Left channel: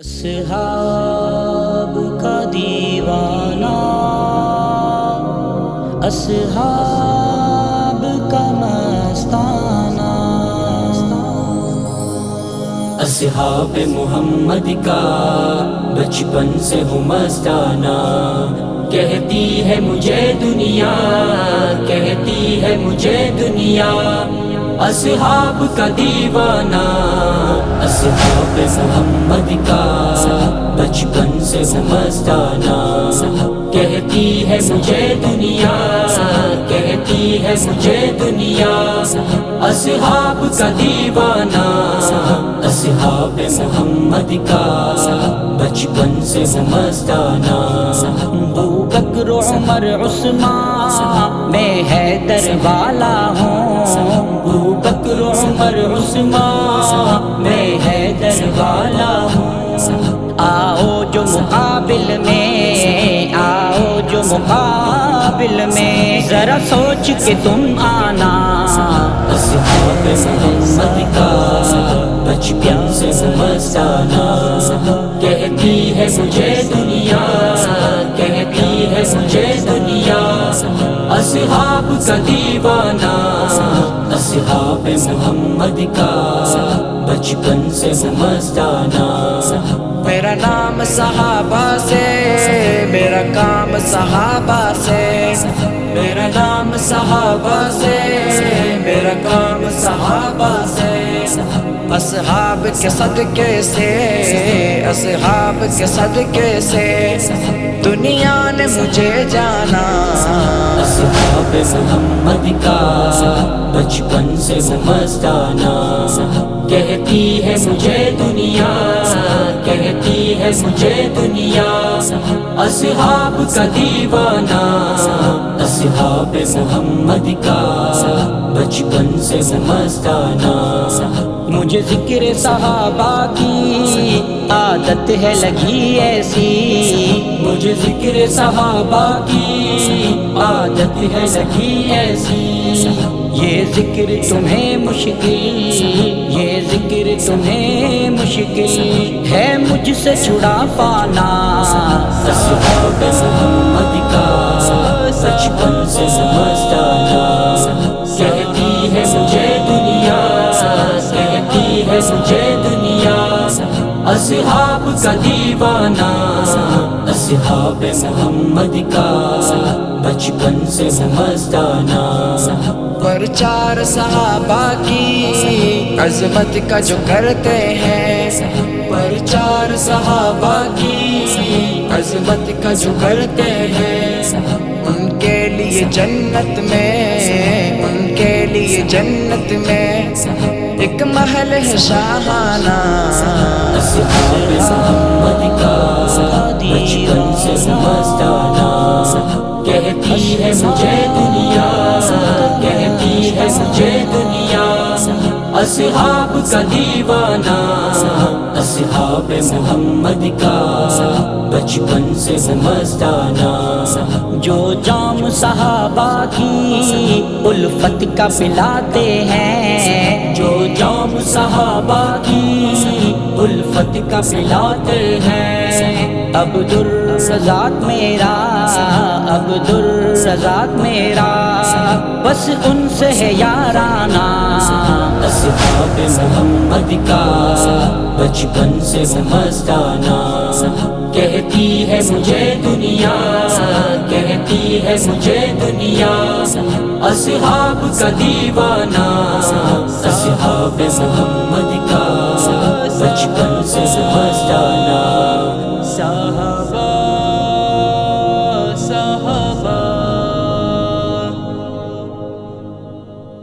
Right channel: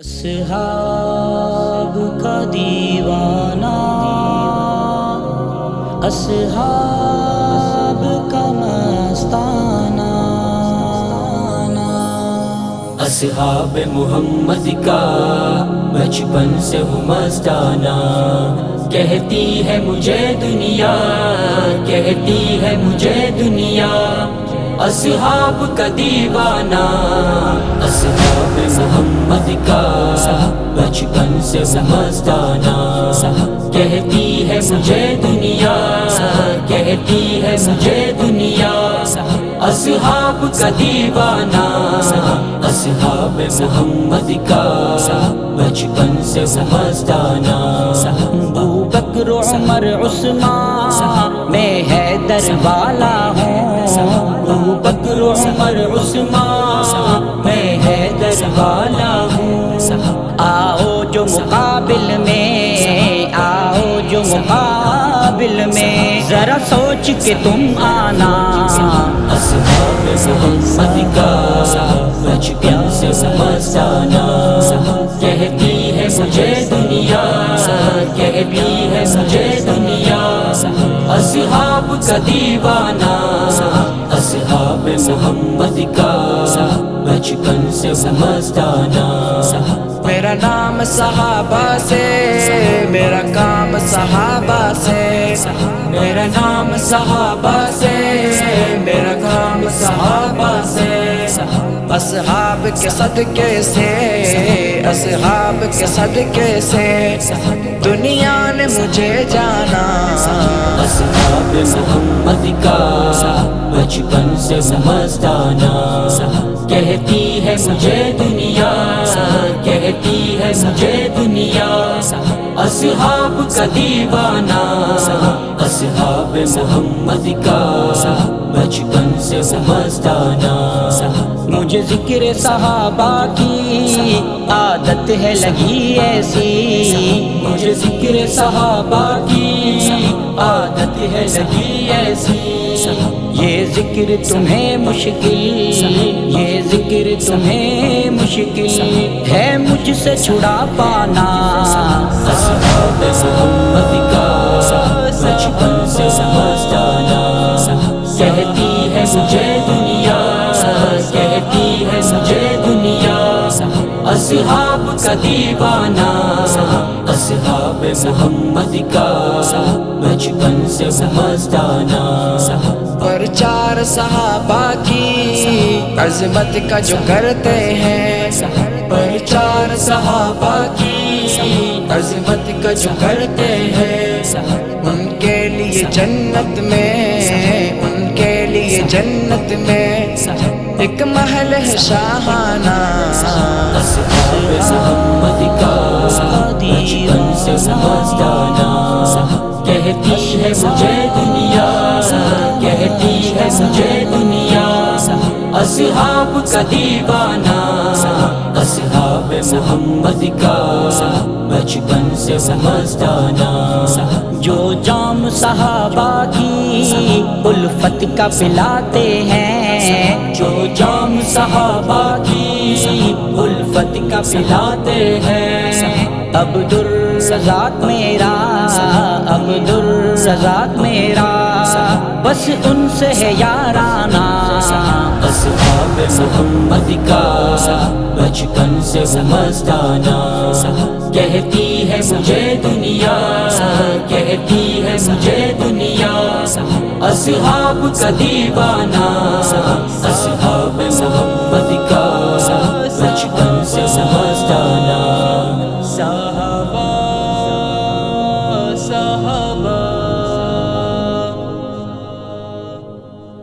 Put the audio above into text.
اصحاب کا دیوانہ، اصحاب کا مستانہ، اصحاب محمد کا بچپن سے ہوں مستانہ، کہتی ہے مجھے دنیا، کہتی ہے مجھے دنیا، اصحاب کا دیوانہ، اصحاب محمد کا بچپن سے ہوں مستانہ، کہتی ہے مجھے دنیا، کہتی ہے مجھے دنیا، اصحاب کا دیوانہ، اصحاب محمد کا بچپن سے ہوں مستانہ، ابو بکر عمر عثمان میں حیدر والا ہوں، ابو بکر عمر عثمان میں حیدر والا ہوں، آؤ جو مقابل میں، آؤ جو مقابل میں، ذرا سوچ کے تم آنا، اصحاب محمد کا بچپن سے ہوں مستانہ، کہتی ہے مجھے دنیا، کہتی ہے مجھے دنیا، اصحاب کا دیوانہ، اصحاب محمد کا بچپن سے ہوں مستانہ، میرا نام صحابہ سے، میرا کام صحابہ سے، میرا نام صحابہ سے، میرا کام صحابہ سے، اصحاب کے صدقے سے، اصحاب کے صدقے سے دنیا نے مجھے جانا، اصحاب محمد کا بچپن سے ہوں مستانہ، کہتی ہے مجھے دنیا، کہتی ہے مجھے دنیا، اصحاب کا دیوانہ، اصحاب محمد کا بچپن سے ہوں مستانہ، مجھے ذکر صحابہ کی عادت ہے لگی ایسی، مجھے ذکر صحابہ کی عادت ہے لگی ایسی، یہ ذکر تمہیں مشکل، یہ ذکر تمہیں مشکل ہے مجھ سے چھڑا پانا، صحابہ محمد کا بچپن سے ہوں مستانہ، کہتی ہے مجھے دنیا، کہتی ہے مجھے دنیا، اصحاب کا دیوانہ، اصحاب محمد کا بچپن سے ہوں مستانہ، پرچار صحابہ کی عظمت کا جو کرتے ہیں، پرچار صحابہ کی عظمت کا جو کرتے ہیں، ان کے لیے جنت میں، ان کے لیے جنت میں ایک محل ہے شاہانہ، اصحاب محمد کا بچپن سے ہوں مستانہ، کہتی ہے مجھے دنیا، کہتی ہے مجھے دنیا، اصحاب کا دیوانہ، اصحاب محمد کا بچپن سے ہوں مستانہ، جو جام صحابہ کی الفت کا پلاتے ہیں، جو جام صحابہ کی الفت کا پلاتے ہیں، عبد الرزاق میرا، عبد الرزاق میرا، بس ان سے ہے یارانہ، اصحاب محمد کا بچپن سے ہوں مستانہ، کہتی ہے مجھے دنیا، کہتی ہے مجھے دنیا، اصحاب کا دیوانہ، اصحاب محمد